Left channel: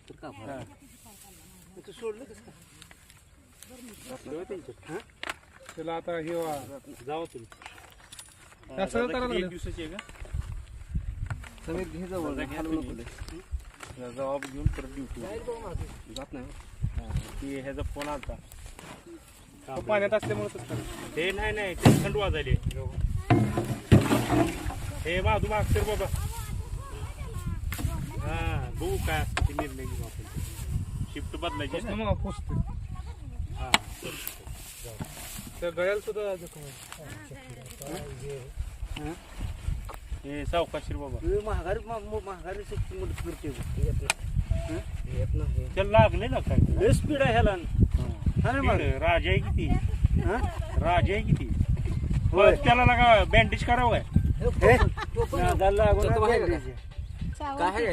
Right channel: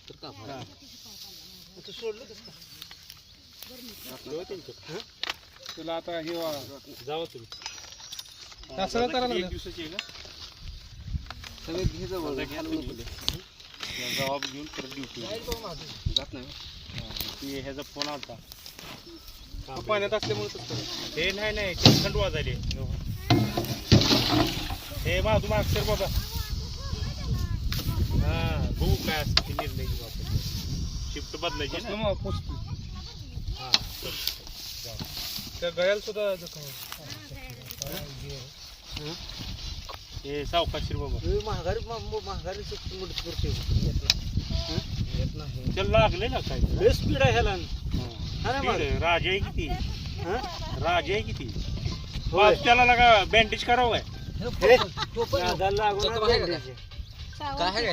तर का तू सोडलं कसं त्याला आता हे जावं तुम्ही एक दिवसाची आहे का सगळं घे जवळ जबाब घेऊन परत ड्युटी जात नाही ती ह्याचा फोन आलता पाण्यात असल्यामुळे ते नाही ते थंड वाजायले हे बा तू मागसर बाबा हा बघू काय असतं ते निर्णय घेऊ आपण शिफ्ट बदलायची ना हा त्या गळ्याला सुद्धा हे सावकाशीर बाबा महागारी मदत करते त्याला लागले ना काय लय स्पीड आहे ह्याला राजा आहे किती राजा आहे किती त्याला लागा बँडेज करावं काय